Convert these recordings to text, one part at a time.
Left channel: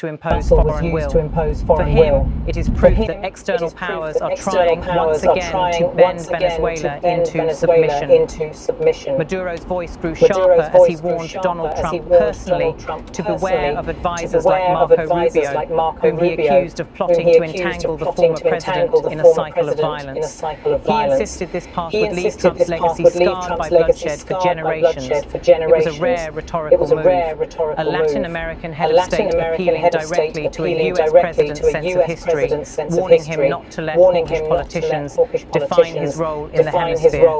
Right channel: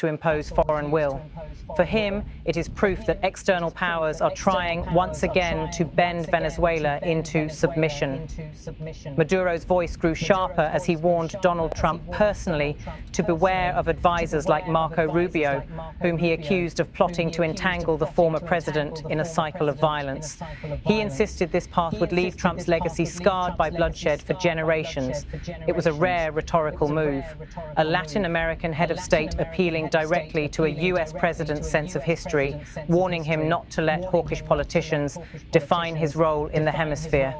to impose foreign will. For him, it is proof that external powers are trying once again to bend Venezuela into submission. Maduro's voice grew sharper as he warned Donald Trump personally to beware of advisors like Marco Rubio, whom he accused of plotting to entangle the former president in a cycle of violence. He insisted this path would leave Trump's legacy scarred by bloodshed for generations. It was a rare rhetorical move. A Latin American head of state appealing directly to a US president's sense of history, warning him not to let hawkish politicians define his role in the hemisphere.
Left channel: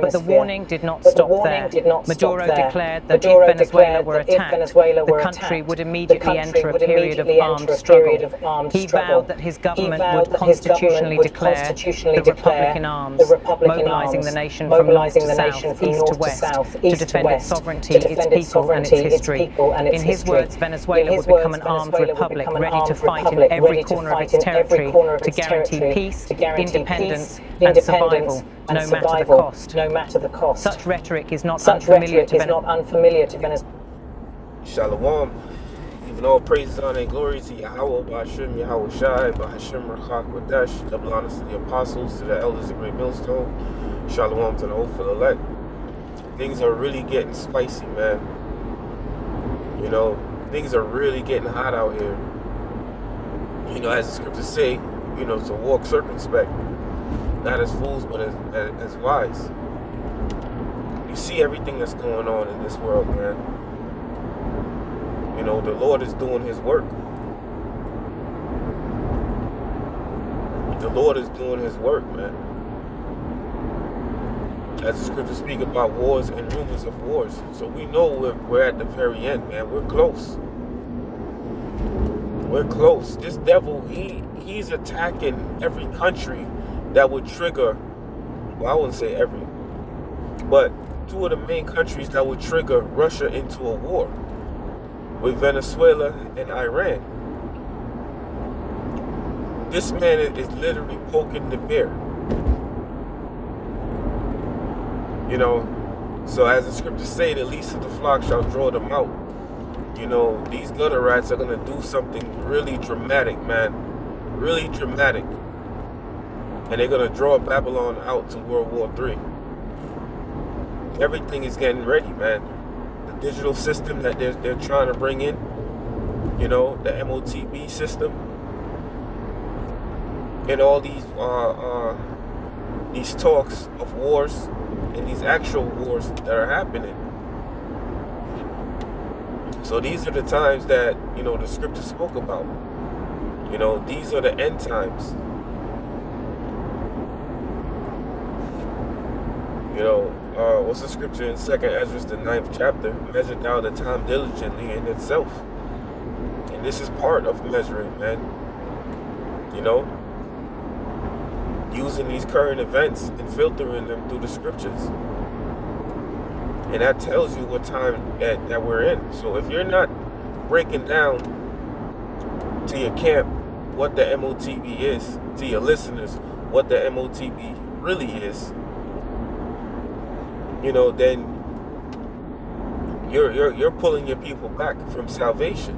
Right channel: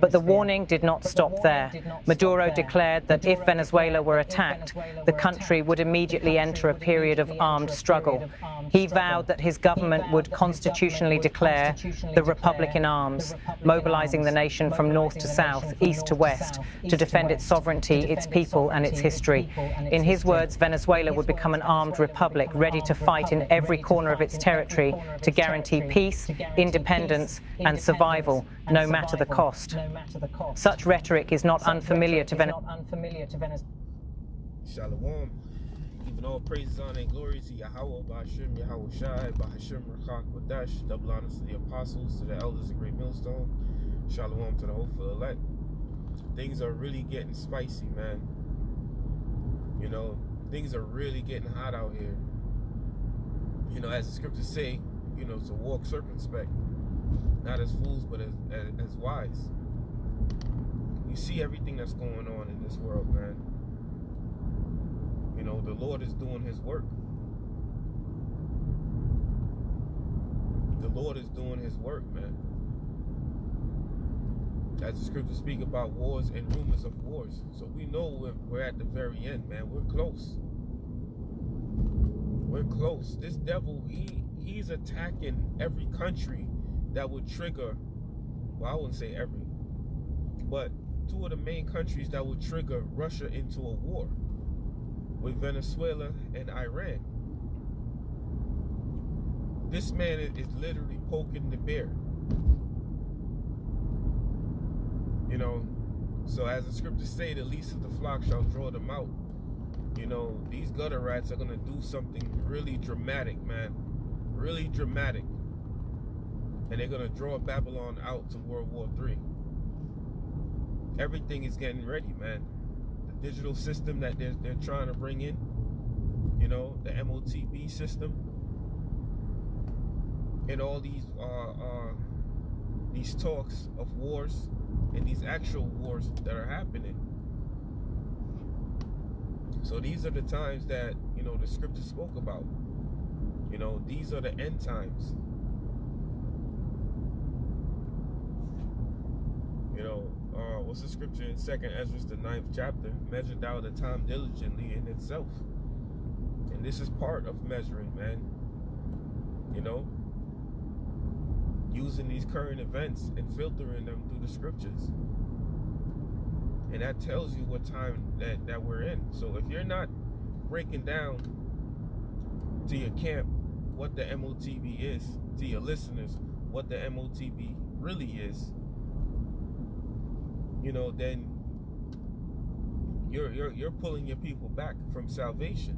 But the warning did not stop there. Maduro declared that if Venezuela were attacked, the country would immediately enter a period of armed struggle. He vowed that his government would constitutionally declare the Republic in arms, mobilizing the nation from north to south, east to west, to defend its sovereignty, its people and its history. In his words, Venezuela would become an armed republic ready to fight in every corner of its territory to guarantee peace, independence and survival, no matter the cost. Such rhetoric is not unfamiliar to Venezuela. Shalom. Even all praises, honor, and glory to Yahweh, Ba'ashem, Yahweh Shai, Ba'ashem, Rachak, Wadesh, double honors to the apostles, to the elders of Great Millstone, Shalom to the hopeful elect. Things are really getting spicy, man. You know, things are really getting hot out here. You know, as the scriptures say, you know, to walk circumspect, not as fools, but as wise. You see everything that's going on in this world, man. You know, the Lord is doing his work. The Lord is doing his work, man. As the scriptures speak about wars and rumors of wars. So we know we're at the very end, man. We're close. We're close. This devil, he's attacking every country that would trigger, well, I wouldn't say every, but two of the main countries that would trigger Russia into a war, with Venezuela and Iran. This man is literally poking the bear. You know, so as the scriptures say, the least of the flock shall draw them out. You know, these gutter rats are gonna do something really dramatic, man. Really dramatic. And they're gonna draw Babylon out to World War III. Everything is getting ready, man. Digital system that they're trying to bring in, you know, the MOTB system, and all these talks of wars and these actual wars that are happening. So these are the times that, you know, the scripture spoke about. You know, these are the end times. You know, what's the scripture in 2nd Ezra, the 9th chapter? Measure thou the time diligently in itself. And this is part of measuring, man. You know, using these current events and filtering them through the scriptures. And that tells you what time that we're in. So if you're not breaking down to your camp what the MOTB is, to your listeners what the MOTB really is, you know, then you're pulling your people back from salvation.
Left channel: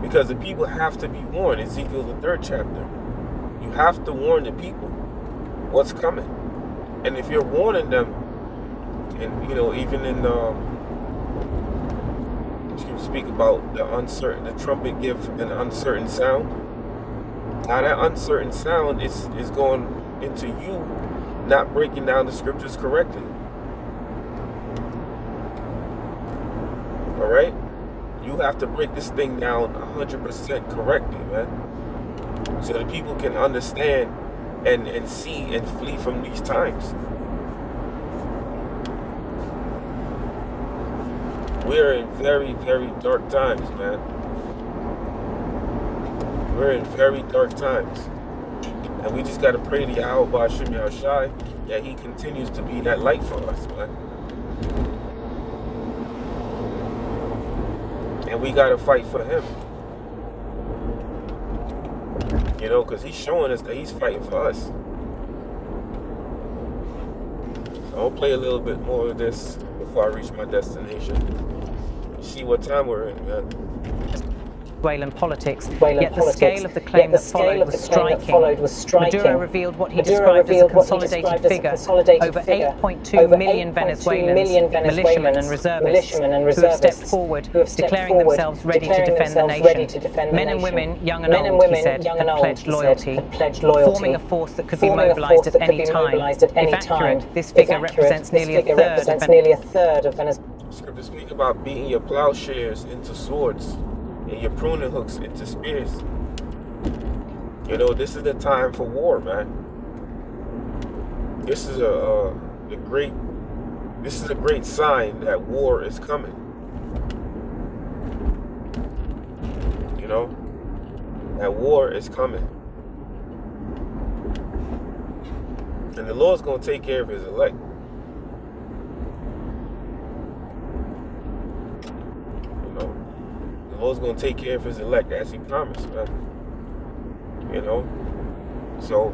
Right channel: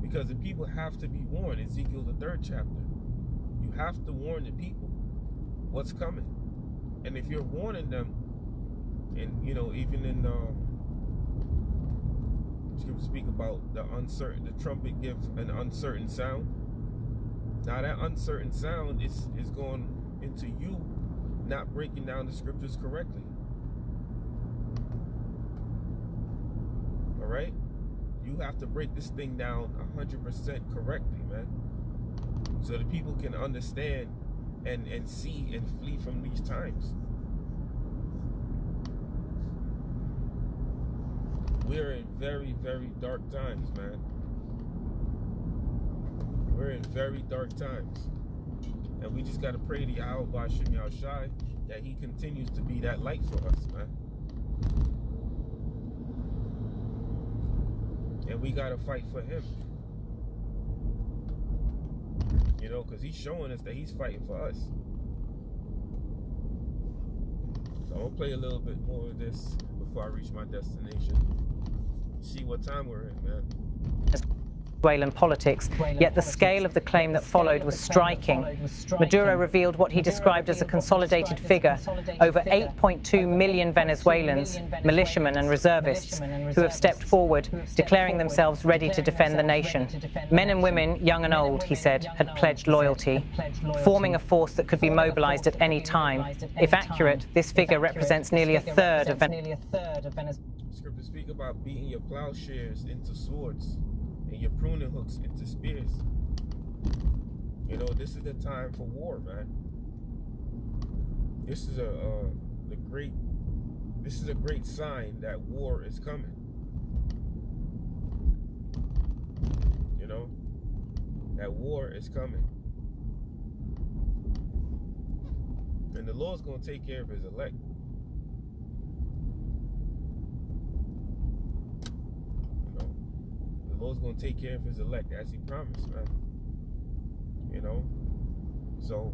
Because the people have to be warned. Ezekiel the 3rd chapter. You have to warn the people what's coming. And if you're warning them, and you know, even in you speak about the trumpet give an uncertain sound. Now that uncertain sound is going into you not breaking down the scriptures correctly. All right? You have to break this thing down 100% correctly, man. So that people can understand and see and flee from these times. We're in very, very dark times, man. We're in very dark times. And we just got to pray to Yahweh Ba'ashem Yahweh Shai that he continues to be that light for us, man. And we got to fight for him. You know, because he's showing us that he's fighting for us. So I'll play a little bit more of this before I reach my destination. See what time we're in, man. Venezuelan politics, yet the scale of the claim that followed was striking. Maduro revealed what he described as a consolidated figure: over 8.2 million Venezuelans, militiamen and reservists, who have stepped forward, declaring themselves ready to defend the nation. Men and women, young and old, he said, had pledged loyalty, forming a force that could be mobilized at any time. If accurate, this figure represents nearly a third of Venezuela. Scriptures speak about beating your plowshares into swords and your pruning hooks into spears. You know, this is the time for war, man. This is a great sign that war is coming. You know, that war is coming. And the Lord's going to take care of his elect. The Lord's going to take care of his elect as he promised, man. You know? So,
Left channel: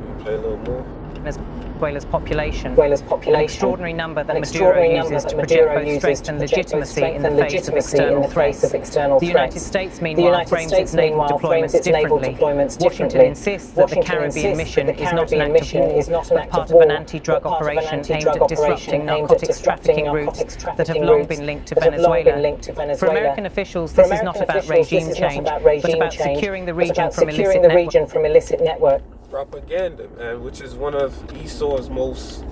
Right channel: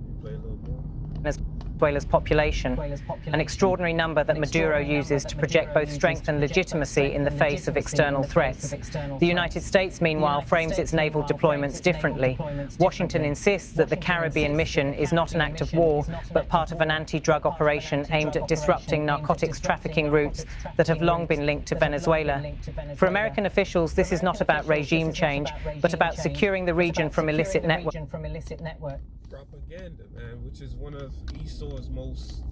we play a little more. Venezuela's population, an extraordinary number that Maduro uses to project both strength and legitimacy in the face of external threats. The United States, meanwhile, frames its naval deployments differently. Washington insists that the Caribbean mission is not an act of war, but part of an anti-drug operation aimed at disrupting narcotics trafficking routes that have long been linked to Venezuela. For American officials, this is not about regime change, but about securing the region from illicit networks. Propaganda, man, which is one of Esau's most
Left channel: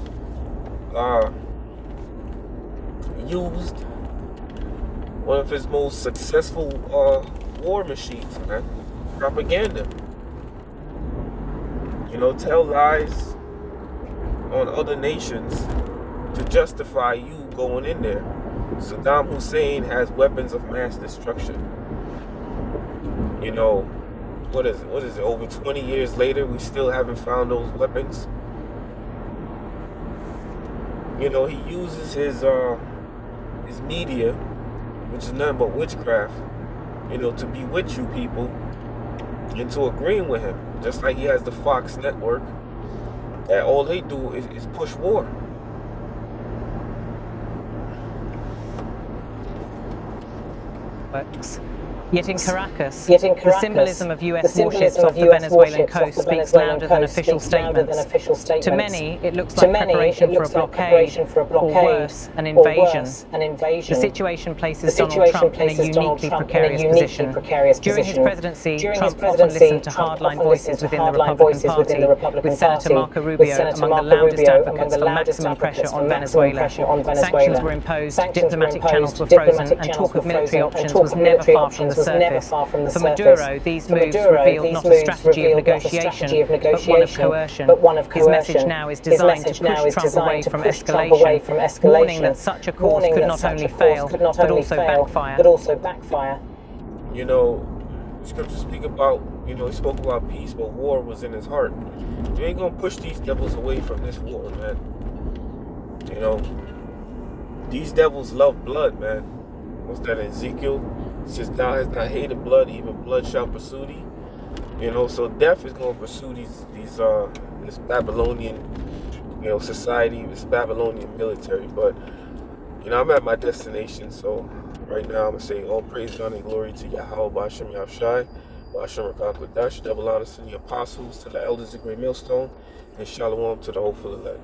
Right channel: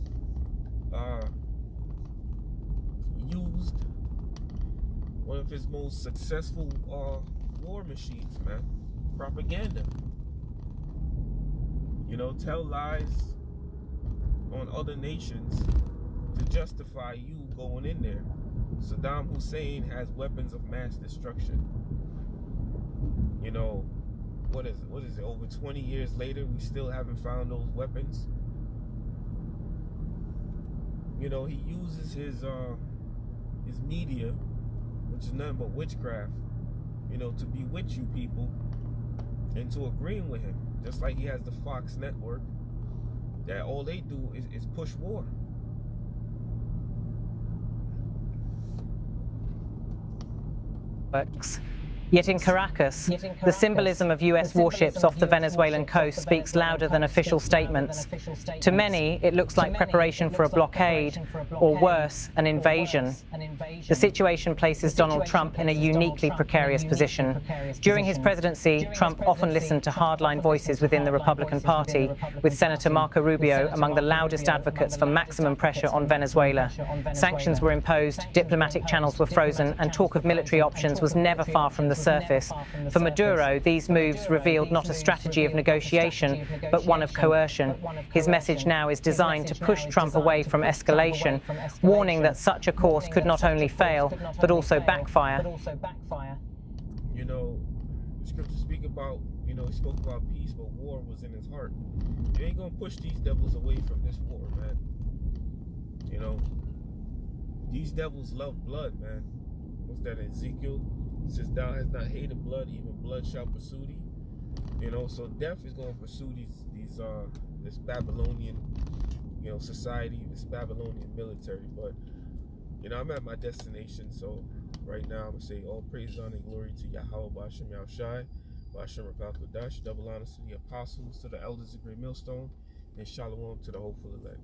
used, one of his most successful war machines, man. Propaganda. You know, tell lies on other nations to justify you going in there. Saddam Hussein has weapons of mass destruction. You know, what is it, over 20 years later, we still haven't found those weapons. You know, he uses his media, which is nothing but witchcraft, you know, to bewitch you people into agreeing with him. Just like he has the Fox network, that all they do is push war. Yet in Caracas, the symbolism of US warships off the Venezuelan coast speaks louder than official statements. To many, it looks like preparation for a blockade, or worse, an invasion. The situation places Donald Trump in a uniquely precarious position. During his presidency, Trump often listened to hardline voices within the Republican Party, with Senator Marco Rubio among the loudest advocates for maximum pressure on Venezuela. Sanctions were imposed, diplomatic channels were frozen, and talk of military options was never far from the surface. For Maduro, these moves revealed not a strategy of negotiation, but one of coercion. His message now is designed to push Trump away from escalation, warning that such a course could not only fail, but also backfire. You know, scriptures speak about, you know, he spoke about peace, but war was in his heart. You ain't gonna push these devils away from this war, man. You know, these devils love blood, man. What's that in Ezekiel? It says, thou hast not hated blood, even blood shall pursue thee. You know, so death is going to pursue this Babylonian, you know, society, this Babylonian military. But, you know, I'm at my destination, so right now I'm going to say all praise, honor, and glory to Yahweh, Ba'ashem Yahushai, Ba'ashem Rakak Wadash, double honors to the apostles, to the elders of Great Millstone, and shalom to the hopeful elect.